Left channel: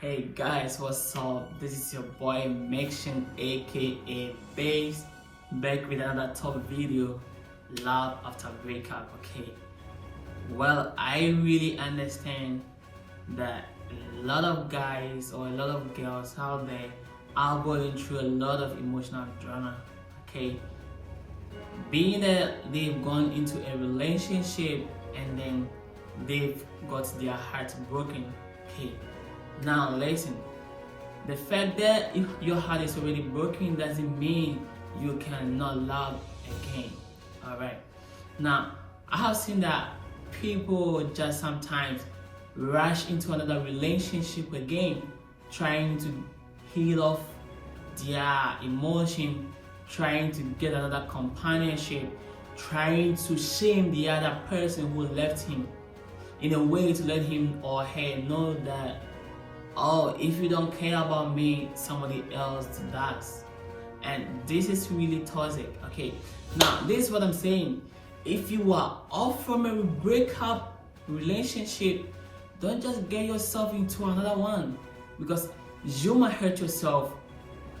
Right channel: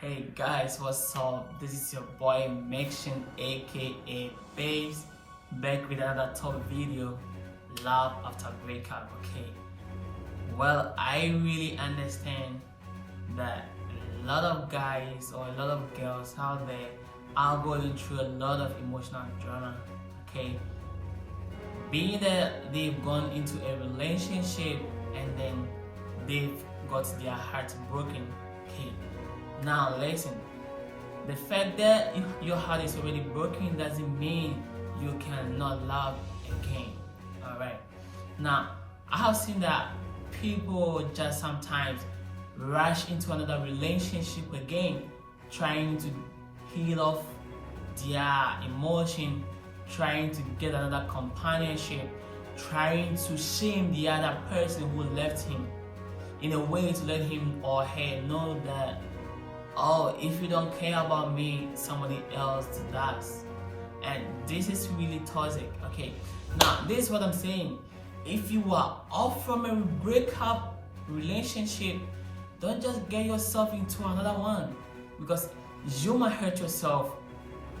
Hey guys, what's up? This is your boy Maction aka Baeb, back with another top video, Love After Breakup. Okay, well, I really understand that a lot of guys or a lot of girls out there are going through a lot of emotional drama. Okay, being that they've gone into a relationship and then they've got their heart broken. Okay, now listen, the fact that if your heart is already broken doesn't mean you cannot love again. Alright. Now I have seen that people just sometimes rush into another relationship again, trying to heal off their emotion, trying to get another companionship, trying to shame the other person who left him in a way to let him or her know that, oh, if you don't care about me, somebody else does. And this is really toxic. Okay, now this is what I'm saying. If you are off from a breakup relationship, don't just get yourself into another one, because you might hurt yourself,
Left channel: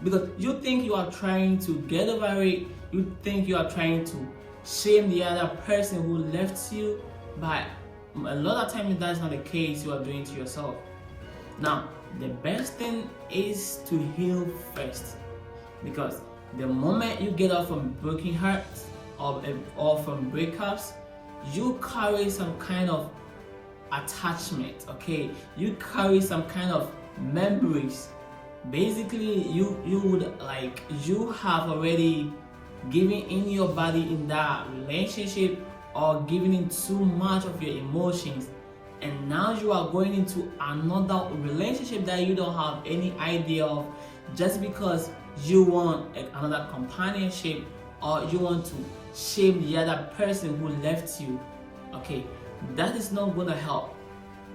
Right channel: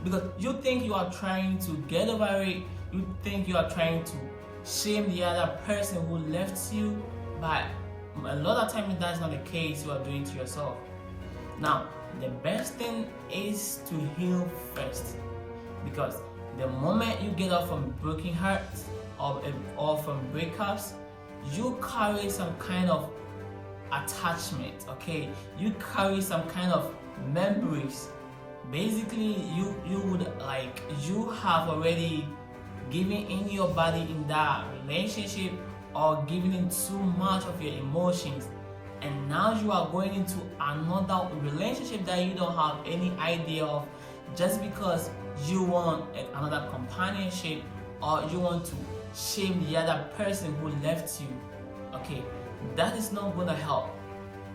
because you think you are trying to get over it, you think you are trying to shame the other person who left you, but a lot of times that's not the case. You are doing to yourself. Now, the best thing is to heal first, because the moment you get off from broken hearts or from breakups, you carry some kind of attachment. Okay, you carry some kind of memories. Basically, you have already given in your body in that relationship, or giving in too much of your emotions, and now you are going into another relationship that you don't have any idea of, just because you want another companionship, or you want to shame the other person who left you. Okay, that is not gonna help,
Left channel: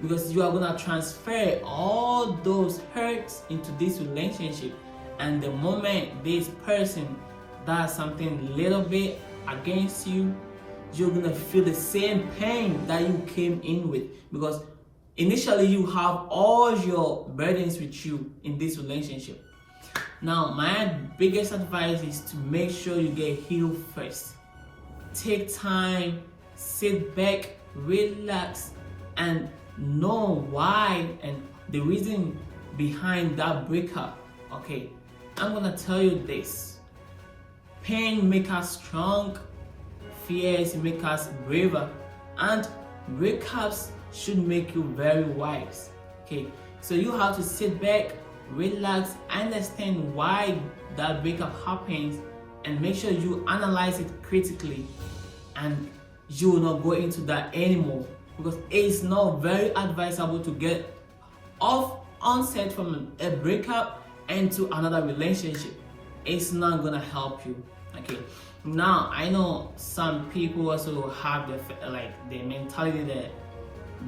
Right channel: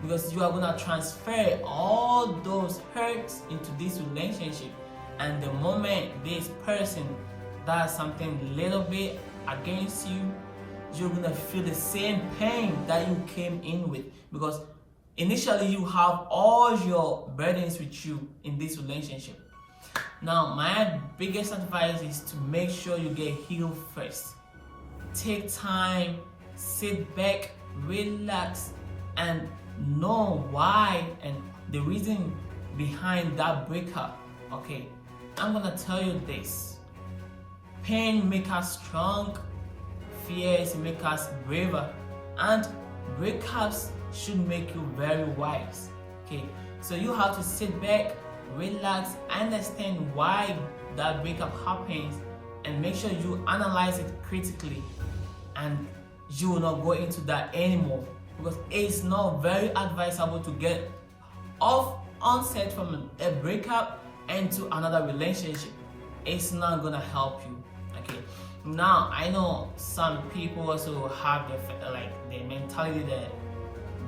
because you are gonna transfer all those hurts into this relationship, and the moment this person does something little bit against you, you're gonna feel the same pain that you came in with, because initially you have all your burdens with you in this relationship. Now, my biggest advice is to make sure you get healed first. Take time, sit back, relax, and know why and the reason behind that breakup. Okay, I'm gonna tell you this: pain makes us strong, fears make us braver, and breakups should make you very wise. Okay, so you have to sit back, relax, understand why that breakup happens, and make sure you analyze it critically, and you will not go into that anymore, because it's not very advisable to get off onset from a breakup into another relationship. It's not gonna help you. Okay, now I know some people also have the mentality that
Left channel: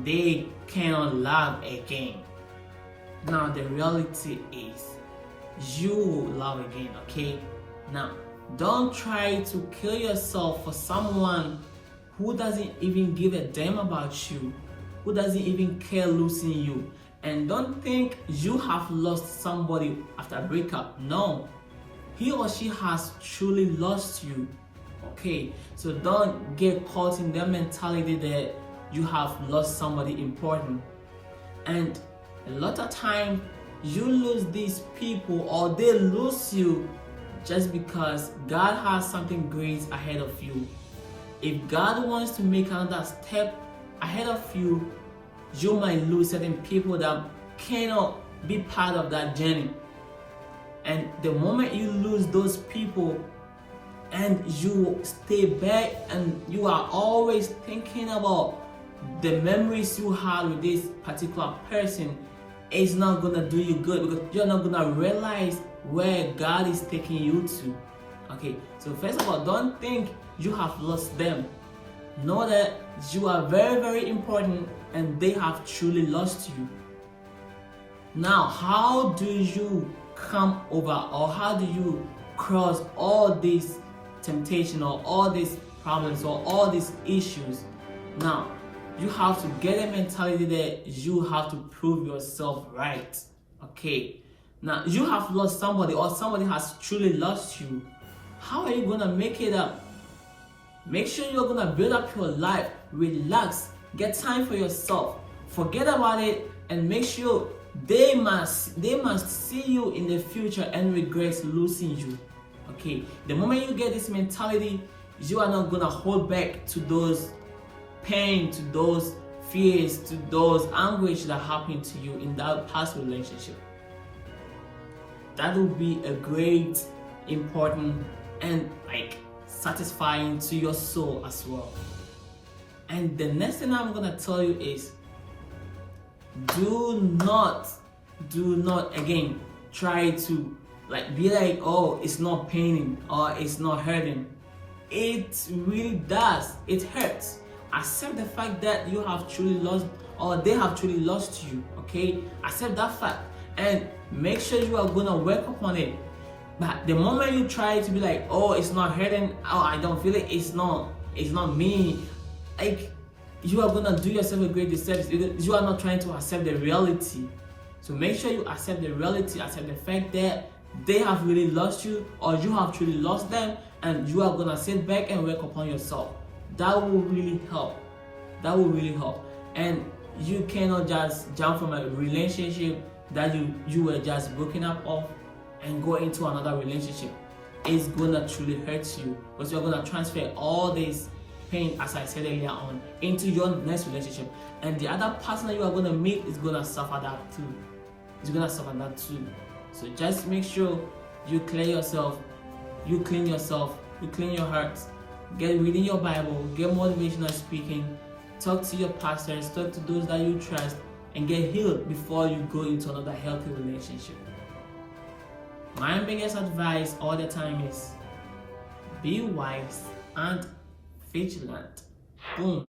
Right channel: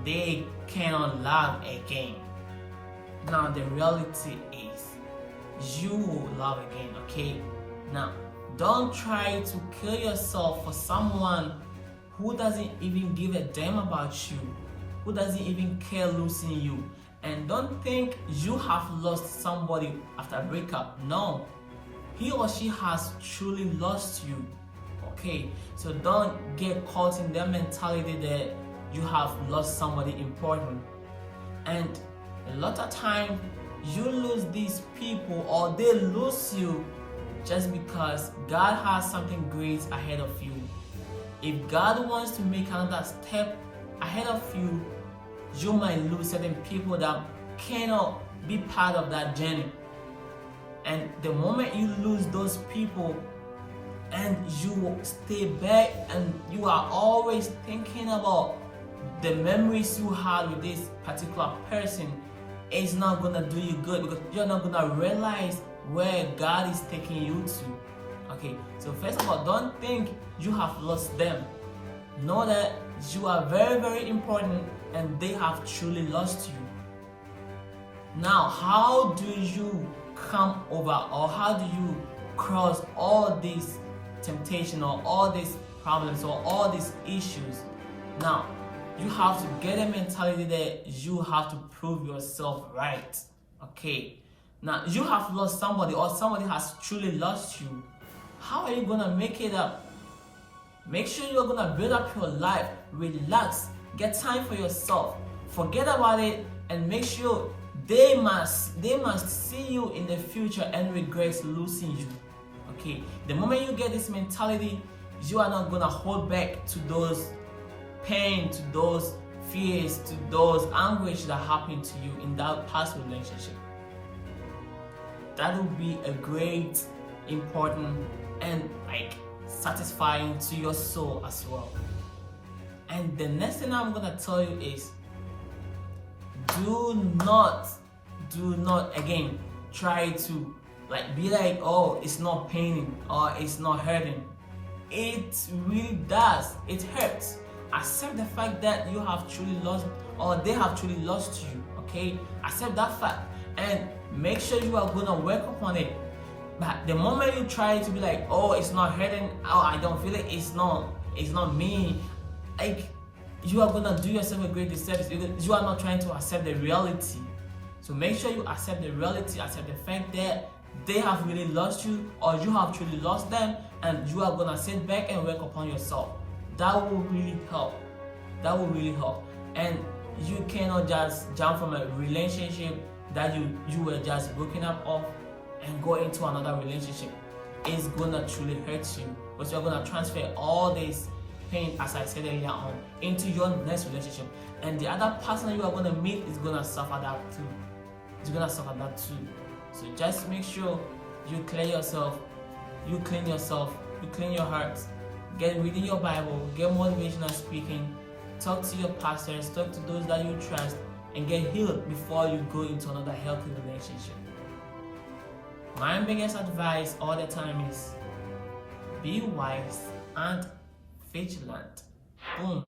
they cannot love again. Now the reality is, you will love again. Okay, now don't try to kill yourself for someone who doesn't even give a damn about you, who doesn't even care losing you. And don't think you have lost somebody after a breakup. No, he or she has truly lost you. Okay, so don't get caught in that mentality that you have lost somebody important. And a lot of time you lose these people, or they lose you, just because God has something great ahead of you. If God wants to make another step ahead of you, you might lose certain people that cannot be part of that journey. And the moment you lose those people and you stay back and you are always thinking about the memories you had with this particular person, it's not gonna do you good, because you're not gonna realize where God is taking you to. Okay, so first of all, don't think you have lost them. Know that you are very, very important, and they have truly lost you. Now, how do you come over, or how do you cross all these temptation, or all these problems, or all these issues? Now, you have to get a mentality that you have to prove yourself right. Okay, now you have lost somebody, or somebody has truly lost you. How are you gonna make it up? Make sure you're gonna build up your life, relax, get time for yourself, forget about it, and make sure they must see you in the future and regret losing you. Okay, the moment you get this mentality, you are not gonna hold back to those pain, to those fears, to those anguish that happened to you in that past relationship. That will be a great, important, and satisfying to your soul as well. And the next thing I'm gonna tell you is, do not again try to be like, oh, it's not paining or it's not hurting. It really does. It hurts. Accept the fact that you have truly lost, or they have truly lost you. Okay, accept that fact and make sure you are gonna work upon it. But the moment you try to be like, oh, it's not hurting, oh, I don't feel it, it's not me, you are gonna do yourself a great disservice because you are not trying to accept the reality. So make sure you accept the reality, accept the fact that they have really lost you, or you have truly lost them, and you are gonna sit back and work upon yourself. That will really help. That will really help. And you cannot just jump from a relationship that you were just broken up of and go into another relationship. It's gonna truly hurt you, because you're gonna transfer all this pain, as I said earlier on, into your next relationship, and the other person that you are gonna meet is gonna suffer that too. It's gonna suffer that too. So just make sure you clear yourself, you clean yourself, you clean your heart, get reading your Bible, get motivational speaking, talk to your pastors, talk to those that you trust, and get healed before you go into another healthy relationship. My biggest advice all the time is be wise and vigilant. Boom.